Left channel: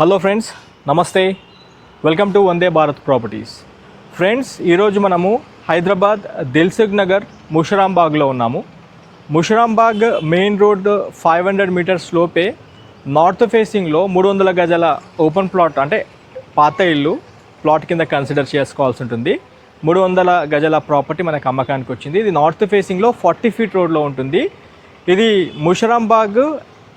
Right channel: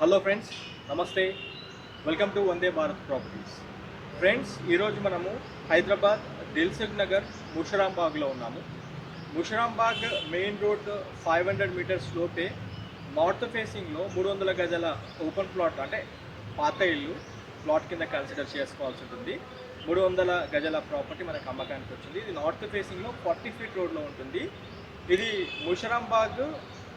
Hello friends నమస్తే welcome to Vande Bharat properties friends ఈరోజు మనము హైదరాబాద్ దిల్సుఖ్ నగర్ ముషరాంబాగ్లో ఉన్నాము. Musarambagh main road five hundred metres లోపే నార్త్ ఫేసింగ్లో మూడు వందల గజాల ఓపెన్ ప్లాట్ అంటే పాత ఇల్లు ప్లాట్ కింద కన్సిడర్ చేసుకోవాల్సి ఉంటుంది. మూడు వందల గజాల ప్రాపర్టీ మనకు అమ్మకానికి వచ్చింది. ఇది నార్త్ ఫేసింగ్లో ఫార్టీ ఫీట్ రోడ్లో ఉంటుంది. ఇది ముషరాంబాగ్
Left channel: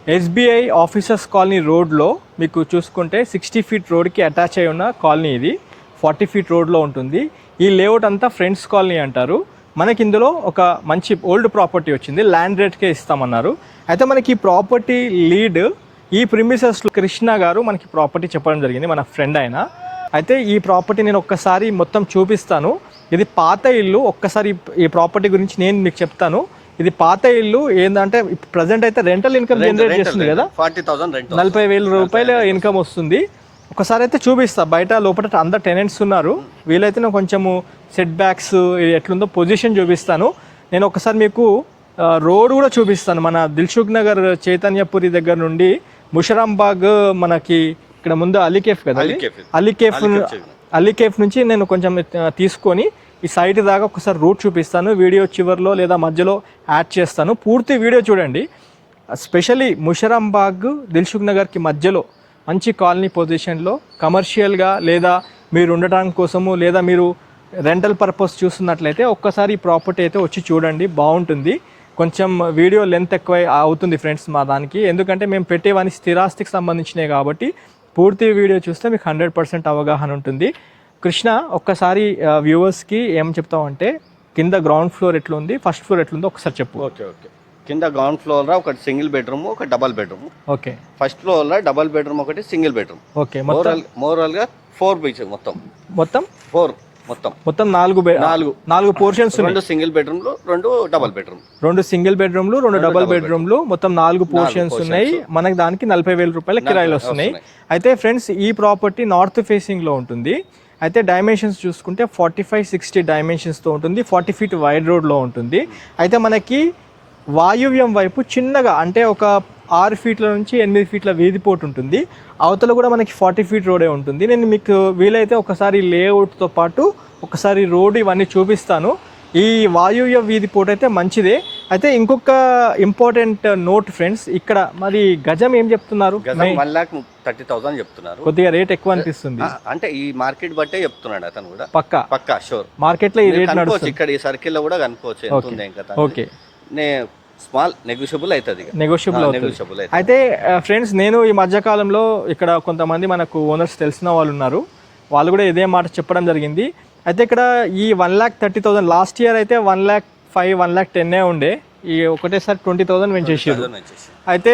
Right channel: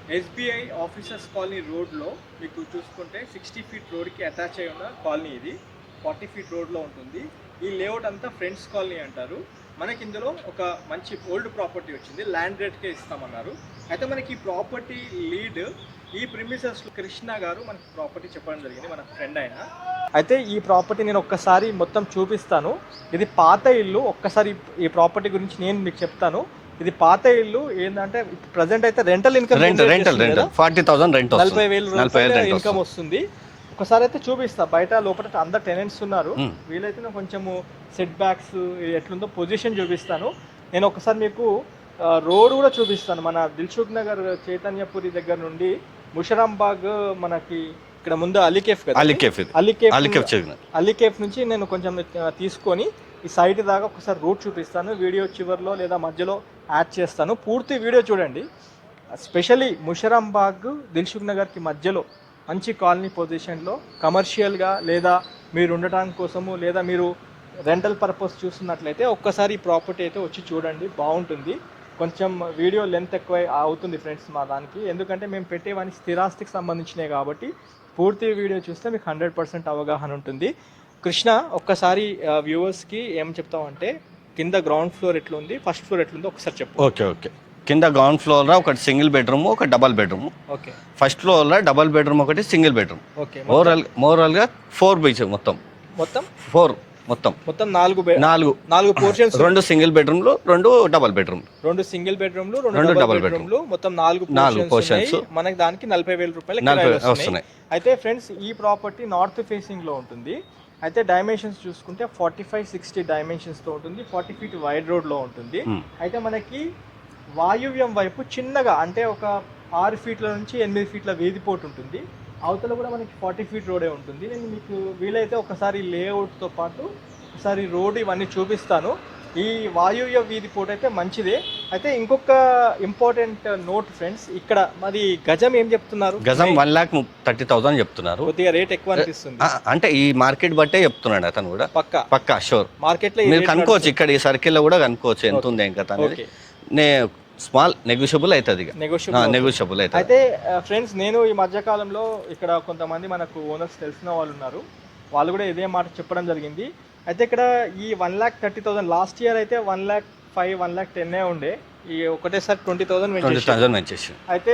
ఎస్బీఐ ఆఫీసర్స్ కాలనీ రోడ్లో మీకు చూసుకుంటే సిక్స్టీ ఫీట్ రోడ్కి అటాచ్ అయి ఉన్న కాలనీ ఇది. ఫార్టీ ఫీట్ రోడ్లో ఉంటుంది. ఈ లేఅవుట్ అంతా ఫ్రెండ్స్ కాలనీ అంటారు. మనకి ఇందులో ఒక మంచి ఓల్డ్ ప్రాపర్టీ వచ్చింది. ల్యాండ్ రేట్కే ఇస్తామన్నారు. అయితే మనకి ఈ ప్రాపర్టీ లీడ్ ఈ ప్రిమిసెస్ కృష్ణ గారు మనకి ప్రాపర్టీ చెప్పడం జరిగింది. మన ఫ్రెండ్ ఆయన. అయితే ఈ ప్రాపర్టీ నేను ఒక్కసారి మొత్తం చూపిస్తాను. ఇది పాత ఇల్లు. ఒక్కసారి ఈ ప్రాపర్టీ గురించి నేను మీకు చెప్తాను. ఇది పాత ఇల్లు ఏంటంటే ప్రజెంట్ అయితే రెంటల్ ఇన్కమ్ కదా. ఫార్టీ థౌసండ్ రెంట్ నలభై వేల రూపాయల ఇన్కమ్ వస్తుంది. ఒకసారి అయితే చూపిస్తా. బయట లోపల అందరు టెనెంట్స్ ఉన్నారు. వీలైతే నేను కొంచెము సెట్ బ్యాక్స్ ఎట్లుందో పొజిషన్ చూపిస్తాను. నేను ఒకసారి మీకు రోడ్ కూడా చూపిస్తాను. మన దిల్సుఖ్ నగర్ చైతన్యపురి దగ్గర నుండి ముషరాంబాగ్ మనకి ఇక్కడ ముందు అలీకేఫ్ కదా? అలీకేఫ్. అలీకేఫ్ అలీకేఫ్ నుంచి నేను కొంచెం తీసుకొని ఈ సైట్ దాకా ఒకసారి రూట్ చూపిస్తాను. వీడియో చివరిలో లేదా మధ్యలో యాడ్ చేస్తాను. పూర్తి వీడియో చూడండి. స్పెషలీ ముషరాంబాగ్ దిల్సుఖ్ నగర్కి మధ్యలో మంచి కాలనీ పొజిషన్లో కమర్షియల్గా లేదా మీరు ఉండటానికి కోసము లేదా మీరు రెంటల్ పర్పస్ చూస్తున్నట్లయితే ఒక్కసారి ఈ ప్రాపర్టీ అయితే వచ్చి చూడండి. బాగుంటుంది. కొంచెం వీడియో లెంత్ ఎక్కువ అవుతుంది ఫ్రెండ్స్ మా దానికి. ఎందుకంటే మేము పెట్టేవన్నీ స్థిరాస్తికి సంబంధించినవి కాబట్టి పూర్తి వీడియో చూస్తే మీకు హండ్రెడ్ పర్సెంట్ అవగాహన ఉంటుంది. కృష్ణ ఒక్కసారి వ్యూవర్స్కి ఏం చెప్తావంటే కింద గ్రౌండ్ ఫ్లోర్ ఎట్లుంది ఫస్ట్ ఫ్లోర్ ఎట్లుందో ఒకసారి చెప్పు. Okay okay. కింద గ్రౌండ్ ఫ్లోర్లో ఒకటి సింగిల్ బెడ్రూమ్ ఒక డబల్ బెడ్రూమ్ ఓకే. ఫస్ట్ ఫ్లోర్లో డబల్ బెడ్రూమ్ ఒకటి సింగిల్ బెడ్రూమ్ ఓకే ఓవరాల్ ఓవరాల్గా ఫోర్ బీచ్ మొత్తం. మొత్తం? ఫోర్ మొత్తం. మొత్తం నాలుగు నాలుగు. నాలుగు పోర్షన్స్ రెండు సింగిల్ బెడ్రూమ్లు రెండు డబల్ బెడ్రూమ్ రెండు సింగిల్ బెడ్రూమ్లు రెండు డబుల్ బెడ్రూమ్లు మొత్తం నాలుగు పోర్షన్స్. ఉన్నాయి. మనకి దానికి నలభై వేల రూపాయల కిరాయిలు వస్తున్నాయి. అయితే ఫ్రెండ్స్ ఈ ప్రాపర్టీ నార్త్ ఫేసింగ్లో ఉంటుంది. అయితే డైమెన్షన్స్ చూసుకుంటే ఫార్టీ ఫైవ్ సిక్స్టీ డైమెన్షన్స్తో ఉంటుంది ఫార్టీ ఫీట్ వైడ్ రోడ్లో ఉంటుంది. అయితే మనకి వాయువ్యం వైపు చిన్నగా అంటే ఒక ఆరు ఫీట్ల నుంచి ఎనిమిది ఫీట్ల వీధిపోటు ఉంటుంది. అవతల కూడా మనకి ఫార్టీ ఫీట్ రోడే ఉంటుంది. నేను మీకు వీలైతే ఒకసారి లేఅవుట్తో పాటు ఒకసారి రోడ్ ఇవన్నీ చూపిస్తాను. ఈ వాయువ్య వీధి పోటు అయితే మంచిదే. అయితే ఇంకొక ఇంపార్టెంట్ నోట్ ఫ్రెండ్స్ ఇక్కడ మరి గజం ఏం చెప్తున్నారు? గజం వన్ లాక్ థర్టీ థౌసండ్ చెప్తున్నారు. కొద్దిగా రేట్ ఎక్కువ అనిపిస్తుంది. అంటే ఈ మార్కెట్ బట్టే చెప్తున్నాడు అతను కూడా. పక్క? పక్కా షూర్ మార్కెట్లో కనుక్కోవచ్చు ఇక్కడ ఈ సర్కిల్లో కూడా కనుక్కోవచ్చు ఎంత ఉంది ఇంకా ఓకే. నే స్మాల్ నెగోషియబుల్ అవుతుంది నెగోషియబుల్ నెగోషియబుల్ అయితే అయితే ఫ్రెండ్స్ నేను ఈ మధ్య కాలంలో ఇక్కడ కొంతమంది మనకు ఓనర్స్ తెలిసిన వాళ్ళు ఉన్నారు. వాళ్ళు కూడా ఇదే మాట చెప్పడం జరిగింది. అయితే ఇక్కడ ఈ one lakh thirty thousand last year అయితే one lakh five one lakh టెన్నే ఉండే. ఈ ఒకటేసారి ట్వంటీ థౌసండ్ పెంచేసి అయితే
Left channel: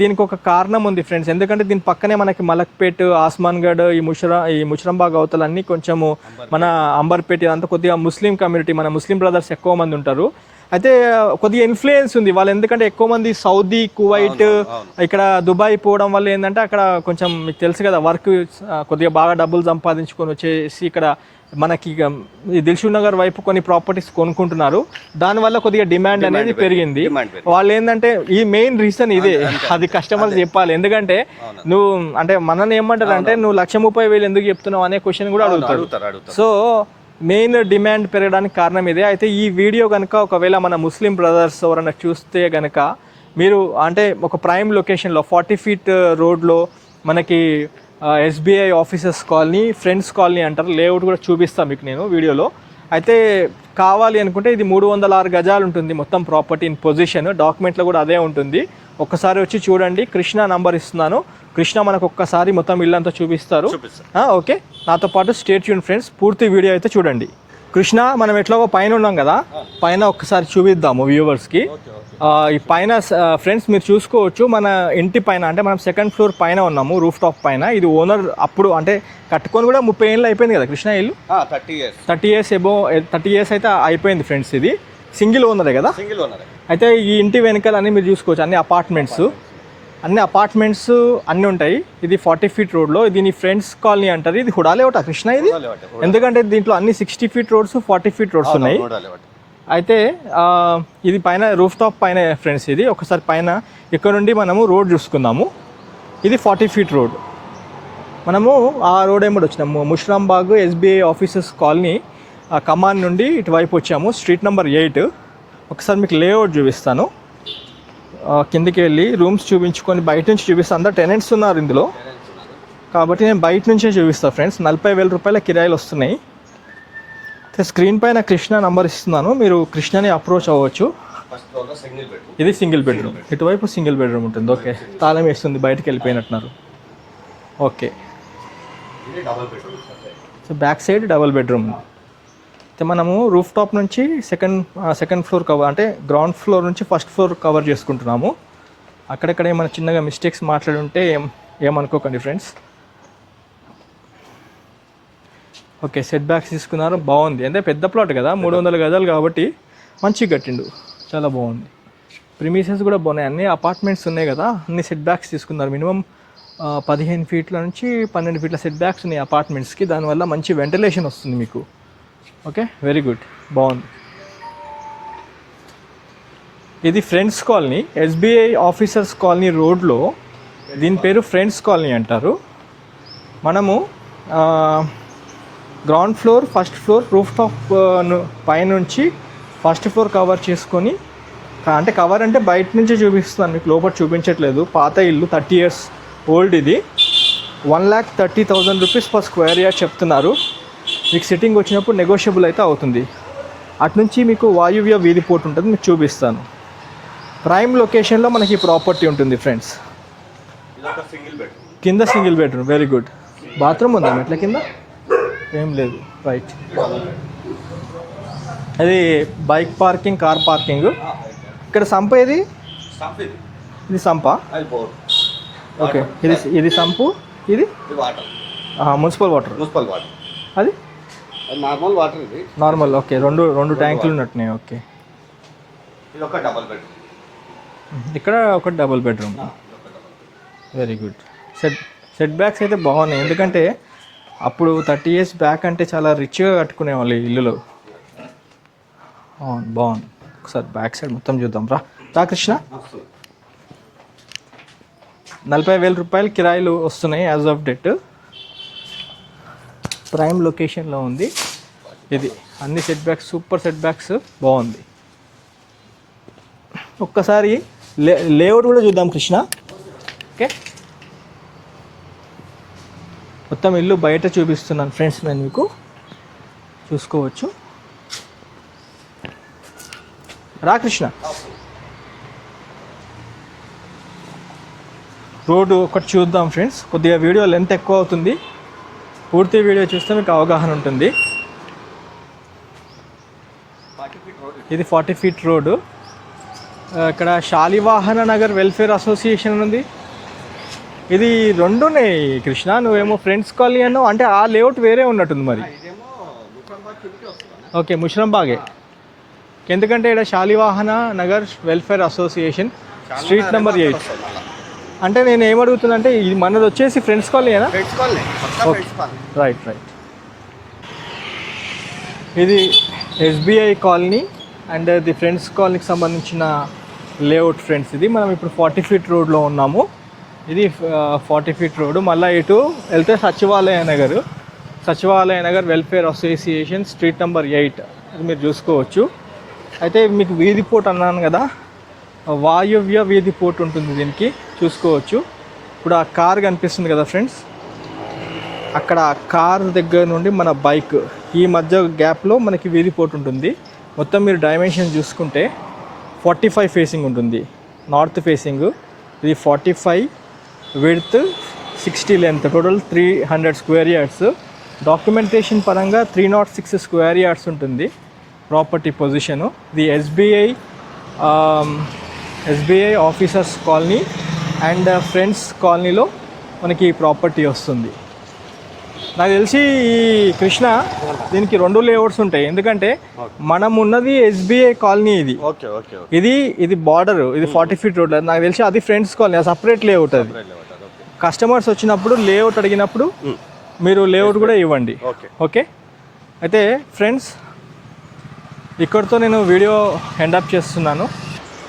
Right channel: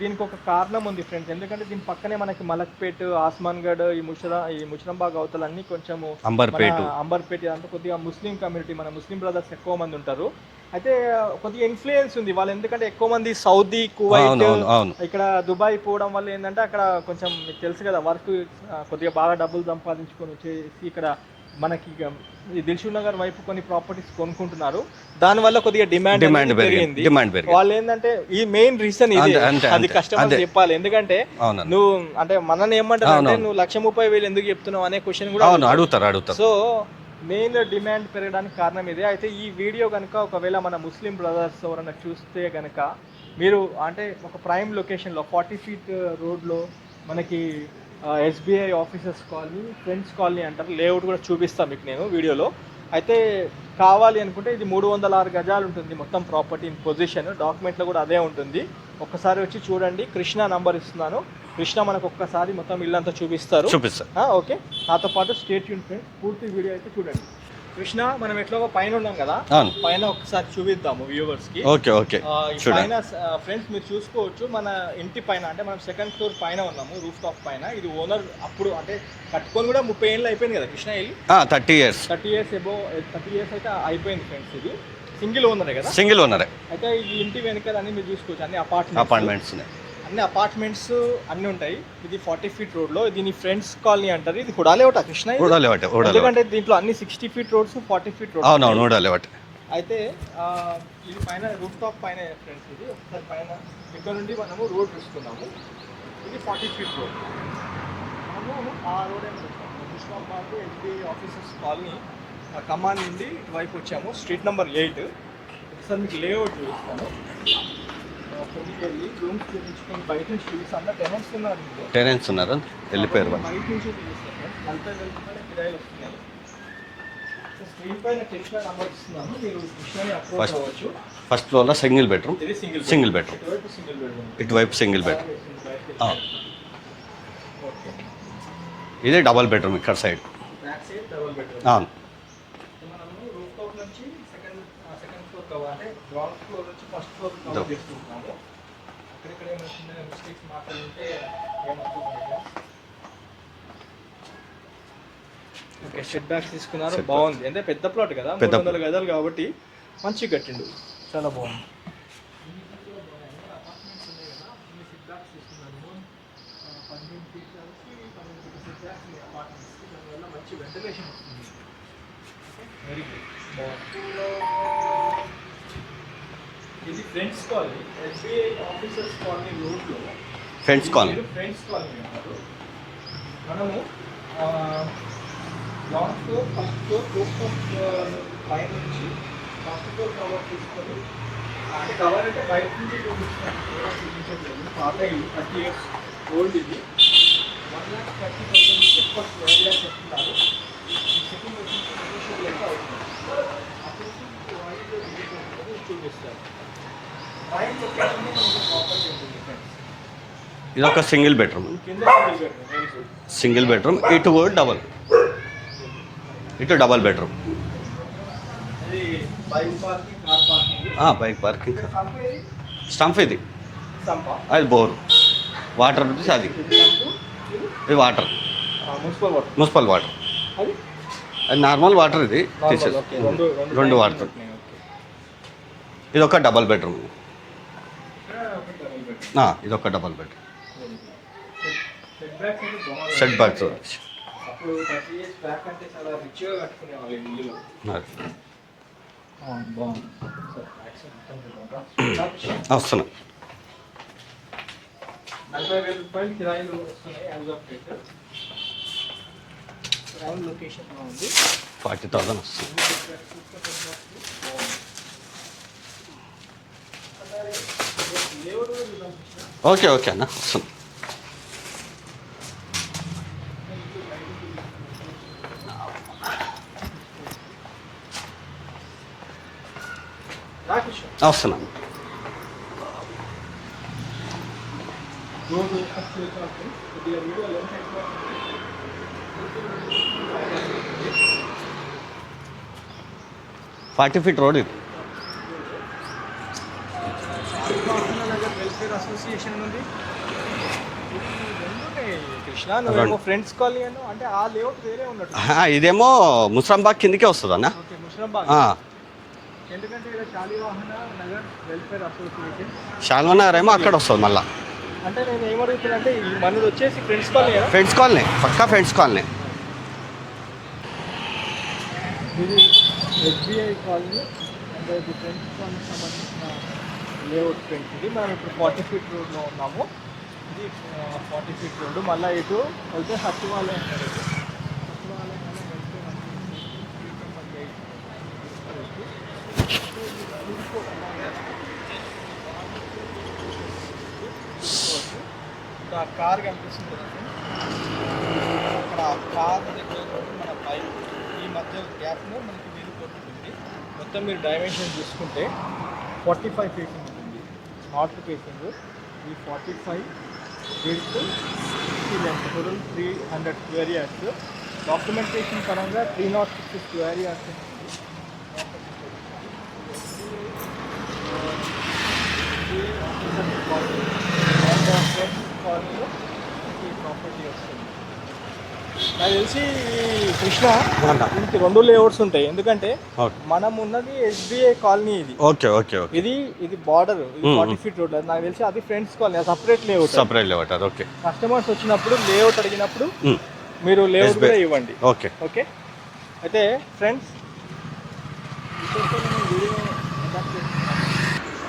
దీనికి ఒక కారణం ఉంది ఫ్రెండ్స్ ఎందుకంటే దీని పక్కనే మనకి మలక్పేట్ ఆస్మాన్గఢ్ ఈ ముషరా ఈ ముషరంబాగ్ అవతలన్నీ కొంచెము మన అంబర్పేట ఇదంతా కొద్దిగా ముస్లిం కమ్యూనిటీ మన ముస్లిం బ్రదర్స్ ఎక్కువ మంది ఉంటారు. అయితే కొద్దిగా ఇన్ఫ్లుయెన్స్ ఉంది. వాళ్ళు ఎందుకంటే ఎక్కువ మంది సౌదీ కువైట్. ఇక్కడ దుబాయ్ పోవడం వల్ల ఏంటంటే అక్కడ కొంచెం మీకు తెలుసు కదా వర్క్ కొద్దిగా బాగా డబ్బులు సంపాదించుకొని వచ్చేసి ఇక్కడ మనకి ఇక ఈ దిల్షుక్ నగర్ వైపు కొన్ని ప్రాపర్టీస్ కొనుక్కుంటున్నారు. దానివల్ల కొద్దిగా డిమాండ్ అనేది పెరిగింది. వాళ్ళు ఏంటంటే ఈ మెయిన్ రీజన్ ఇది. అది కస్టమర్ చెప్పాలి. ఎందుకంటే. నువ్వు అంటే మనని ఏమంటారు అంటే నువ్వు లక్ష ముప్పై వేలు ఎందుకు చెప్తున్నావు అనే క్వశ్చన్ కూడా అడుగుతారు. సో మెయిన్ డిమాండ్ పెరగడానికి కారణం ఇదే. అయితే ఈ వీడియో కనుక ఒకవేళ మన ముస్లిం బ్రదర్స్ ఎవరైనా చూస్తే కనుక మీరు అంటే ఒక ప్రైమ్ లొకేషన్లో ఫార్టీ ఫీట్ రోడ్లో మనకి SBI officers colony friends colony అంటారు. లేఅవుట్ కూడా చూపిస్తాను మీకు నేను వీడియోలో. అయితే కావాలి అనుకుంటే ఇది మూడు వందల ఆరు గజాలు ఉంటుంది మొత్తం ప్రాపర్టీ ఇన్ పొజిషన్. డాక్యుమెంట్లో కూడా అదే ఉంటుంది. ఒక్కసారి వచ్చి చూడండి. కృష్ణ నంబర్ ఇస్తున్నాను. కృష్ణ మనకు ఒక్కసారి మొత్తం ఇల్లంతా చూపిస్తారు. ఓకే. నాతో పాటు స్టేట్ యూన్ ఫ్రెండ్స్ పూర్తి వీడియో అయితే చూడండి. కృష్ణ మనం ఎట్లాగో పైన ఉన్నాం కదా పైన ఒక్కసారి చూపిద్దాము వ్యూవర్స్కి. Okay okay. పైన ఫ్రెండ్స్ మీరు చూసుకోవచ్చు మన ఇంటి పైన అంటే మనం సెకండ్ ఫ్లోర్ పైన ఉన్నాము రూఫ్ టాప్ పైన. ఇది ఓనర్ అప్పుడు అంటే కట్టుకొని కూడా ముప్పై ఏళ్ళు అయిపోయింది కదా కృష్ణ ఇల్లు? Thirty years thirty years above thirty years అయితే అయిపోయింది ఫ్రెండ్స్ ఇది. సింగిల్ ఓనరే కదా? సింగిల్ ఉన్నారే అయితే ఈ ఇంటి వెనకాల అన్ని మీరు చూసుకోవచ్చు అన్ని అపార్ట్మెంట్స్ అన్ని అపార్ట్మెంట్స్ అన్ని ఉంటాయి. ఇది ఫార్టీ ఫీట్ రోడ్లో దీని ఫ్రెండ్స్ కాలనీ అంటారు. ఇది హుడాలేవట కృష్ణ ఇది? ఊడలేవటే ఎందుకంటే దీంట్లో అన్ని sixty feet roads forty feet roads అవును ఉన్నాయి. అయితే ఆ, ఇది పైన రూఫ్ టాప్ పైన ఫ్రెండ్స్ ఇది. ఒకసారి పైన ఇక్కడ నుండి మనము రోడ్ చూసుకుందాము. ఇది ఫార్టీ ఫీట్ రోడ్ మనము ఆ రోడ్ ఏమిటి వచ్చినాము. ముష్రాంబాగ్ ఎస్బీఐ ఆఫీసెస్ కాలనీ ఆ కమాన్ నుండి ఇటువైపు వచ్చాము. స్ట్రీట్ నెంబర్ ఎయిట్ ఒకసారి మీకు లేఅవుట్ చూపిస్తాను. కిందికి వెళ్ళి రూమ్స్ చూపించుకొని బయట నుంచి చూపిస్తాను అందరు టెనెంట్స్ ఉన్నారు ఇందులో. టెరెన్స్ ఉన్నారు. కాబట్టి నేను బయట నుంచే చూపిస్తాను ఫ్రెండ్స్ నలభై వేల రూపాయల కిరాయిలు వస్తున్నాయి. స్క్రీన్ పైన కృష్ణ నంబర్ ఇస్తున్నాను. మీరు కృష్ణని అప్రోచ్ అవ్వచ్చు. ఫస్ట్ ఫ్లోర్లో సింగిల్ బెడ్రూమ్ ఇది సింగిల్ బెడ్ Single bed. ఇటువైపు సింగిల్ బెడ్రూమ్ ఉంటుంది. single తాళం వేస్తుంది బయటకు వెళ్ళిపోయినట్టున్నారు. ఓకే. ఇది డబల్ బెడ్రూమ్ ఇక్కడ side back side double bedroom మనము రూఫ్ టాప్ నుంచి సెకండ్ సెకండ్ ఫ్లోర్ కవర్ అంటే గ్రౌండ్ ఫ్లోర్ నుంచి ఫస్ట్ ఫ్లోర్ కవర్ చేసుకుంటున్నాము. అక్కడక్కడ ఏమైనా చిన్నగా మిస్టేక్స్ మాట్లాడి ఉంటే ఏం ఏమనుకోకండి ఫ్రెండ్స్ ఓకే సెట్ బ్యాక్స్ తీసుకున్నారు. బాగుంది. అంటే పెద్ద ప్లాట్ కదా మూడు వందల గజాలు కాబట్టి మంచిగా కట్టిండు. చాలా బాగుంది. ప్రిమిసెస్ కూడా బాగున్నాయి. అన్ని అపార్ట్మెంట్స్ ఉన్నాయి కదా అన్ని సెట్ బ్యాక్స్ తీసుకున్నారు. మినిమం పదిహేను ఫీట్ల నుంచి పన్నెండు ఫీట్ల సెట్ బ్యాక్స్ ఉన్నాయి అపార్ట్మెంట్స్కి దానివల్ల మంచి వెంటిలేషన్ వస్తుంది మీకు. ఓకే? వెరీ గుడ్ బాగుంది. ఇది friends colony SBI officers colony రోడ్లో దీని పేరు ఫ్రెండ్స్ కాలనీ అంటారు. మనము ground floor first floor roof top పైనుంచి ఫస్ట్ ఫ్లోర్ కవర్ చేసుకొని అంటే కవర్ అంటే బయట నుంచే చూపిస్తున్నాను మీకు లోపల చూపించట్లేదు. పాత ఇల్లు థర్టీ ఇయర్స్ ఓల్డ్ ఇది. One lakh thirty thousand rupees per square yard చెప్తున్నారు. మీకు సిట్టింగ్ వచ్చినప్పుడు నెగోషియబుల్ అయితే అవుతుంది. అటు నుంచి మీకు వాయువ్య వీధి పోర్ట్ ఉంటుంది మీకు చూపిస్తాను. ప్రైమ్ లొకేషన్లో మనకి ప్రాపర్టీ ఉంటుంది ఫ్రెండ్స్ ఇది ఒక సింగిల్ బెడ్రూమ్ కింద single bedroom very good single bedroom? ఇటు? డబల్ ఏం లేదు రైట్ ఇటు డబల్ బెడ్రూమ్ అది bike parking car parking bike parking ఇక్కడ సంప ఇది స్టంప్ ఇది. ఇది సంప? అది బోర్. వాటర్ ఇది ఇది సంపు? ఇది? ఇది water municipal water. Municipal water. అది? అది నార్మల్ వాటర్ ఇది. Normal okay. రెండు రెండు ట్యాంకులు. ఉన్నట్టున్నాయి ఓకే. ఇది ఒక డబల్ బెడ్రూమ్. ఇక్కడ ఒక డబుల్ బెడ్రూమ్. ఇది ఒక double bedroom very good. Set setbacks అయితే బాగున్నాయి. ఎందుకంటే. అప్పుడు థర్టీ ఇయర్స్ బ్యాక్ అంటే చాలా రిచ్గా కట్టుకునే వాళ్ళు ఈ ఇల్లులో. బాగుంది బాగుంది. ఒకసారి బ్యాక్ సైడ్ మొత్తం చూద్దాం. రా. రా కృష్ణ. వస్తున్నా. నలభై వేల రూపాయలు కిరాయిలు వస్తున్నాయి యాజ్ ఆఫ్ డెట్. ప్రైమ్ లొకేషన్లో ఉంది. అన్ని setbacks super setbacks బాగుంది. ఒక్కసారి లేఅవుట్ కూడా చూద్దాం కృష్ణ. ఓకే ఓకే అన్న. వస్తున్నా. మొత్తం ఇల్లు బయట చూపిస్తున్నాను ఫ్రెండ్స్ నేను మీకు. చూసుకోవచ్చు. రా కృష్ణ. వస్తున్నా రోడ్డు ఒకటి చూద్దాం ఫ్రెండ్స్. కొద్దిగా వీడియో లెంత్ ఎక్కువ అవుతుంది. పూర్తి వీడియో చూస్తే మీకు అవగాహన ఉంటుంది. ఫార్టీ ఫీట్ రోడ్ ఇది. ఫార్టీ ఫీట్ రోడ్డు ఇక్కడ శాలివాహన నగర్ వెల్ఫేర్ అసోసియేషన్ ఉంది. ఇది రెండునే కృష్ణ. నువ్వేమో ఫ్రెండ్స్ కాలనీ అన్నావు. అంటే ఆ లేఅవుట్ వేరే ఉన్నట్టుంది ఇదేమో ముస్రాంబాగ్ కిందకే వస్తుంది అన్న ఓకే ముషరంబాగ్. ఆ, ఎందుకంటే ఇక్కడ శాలివాహన నగర్ వెల్ఫేర్ అసోసియేషన్. వస్తుంది మళ్ళా. అంటే నేను ఏమడుగుతున్నా అంటే ఇది మనది వచ్చేసి ఫ్రెండ్స్ కాలనీనా ఫ్రెండ్స్ కాలనీ పక్కా ఫ్రెండ్స్ కాలనీ రైట్ రైట్ ఇది SBI colony and the friends కాలనీకి సంబంధించిన లేఅవుట్ ఫ్రెండ్స్ ఇది. మనం ఇప్పుడు ఫార్టీ ఫీట్ రోడ్లో ఉన్నాము. ఇది ఫార్టీ ఫీట్ రోడ్ మళ్ళీ ఇటు వెళ్తే Sachivalaya Nagar. Sachivalaya Nagar welfare association street number eight అది మీరు చూసుకోవచ్చు. అయితే మీకు వీధి పోర్ట్ అన్నాను కదా. వాయువ్య వీధి పోర్ట్ ఉంటుంది దీనికి. చూసుకోవచ్చు. ఇప్పుడు ఆ కార్ కనిపిస్తుంది కదా ఫ్రెండ్స్? అక్కడ కార్ దగ్గర నుండి మన బైక్ ఈ మధ్య గ్యాప్లో మనకి వీధి ఉంటుంది. మొత్తం మీరు డైమెన్షన్ చూసుకుంటే ఫార్టీ ఫైవ్ ఫేసింగ్ ఉంటుంది. నార్త్ ఫేసింగ్ ఇది forty five width sixty length total three hundred square yards. Documentation పరంగా three nought six square yards ఉంటుంది. Property position. ఇది SBI SBI officers colony and friends కాలనీలో మనకి ప్రాపర్టీ వస్తుంది. నాకు తెలిసి ఈ కృష్ణ దీనికి రెండు లేఅవుట్స్ ఉంటాయి. ఎందుకంటే. మనం ఉన్నది ఎస్బీఐ కాలనీ ఇది. ఓకే ఓకే ఇది ఇది బార్డర్ ఇది ఫార్టీ ఫీట్ రోడ్ నాకు తెలిసి అది friends colony separate layout separate లేవటారు okay. Customers వచ్చినప్పుడు లేఅవుట్ అడిగినప్పుడు మీరు లేఅవుట్ కూడా ఇవ్వండి. ఓకే. ఓకే? అయితే ఫ్రెండ్స్ ఇక్కడితో నేను వీడియో ఎండప్ చేస్తున్నాను.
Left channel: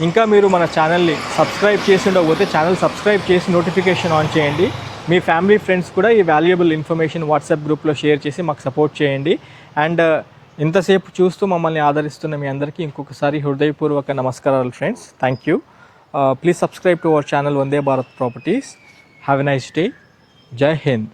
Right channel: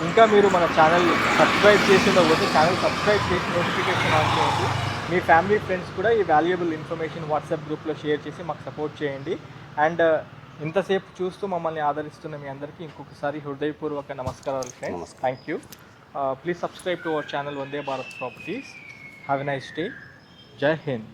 ఇంకా మీరు మన ఛానల్ని సబ్స్క్రైబ్ చేసి పోతే ఛానల్ సబ్స్క్రైబ్ చేసి నోటిఫికేషన్ ఆన్ చేయండి. మీ ఫ్యామిలీ ఫ్రెండ్స్ కూడా ఈ వాల్యుయబుల్ ఇన్ఫర్మేషన్ వాట్సాప్ గ్రూప్లో షేర్ చేసి మాకు సపోర్ట్ చేయండి. అండ్ uh, ఇంతసేపు చూస్తూ మమ్మల్ని ఆదరిస్తున్న మీ అందరికీ ఇంకొకసారి హృదయపూర్వక నమస్కారాలు friends. Thank you please subscribe to our channel Vande Bharat properties have a nice day Jai Hind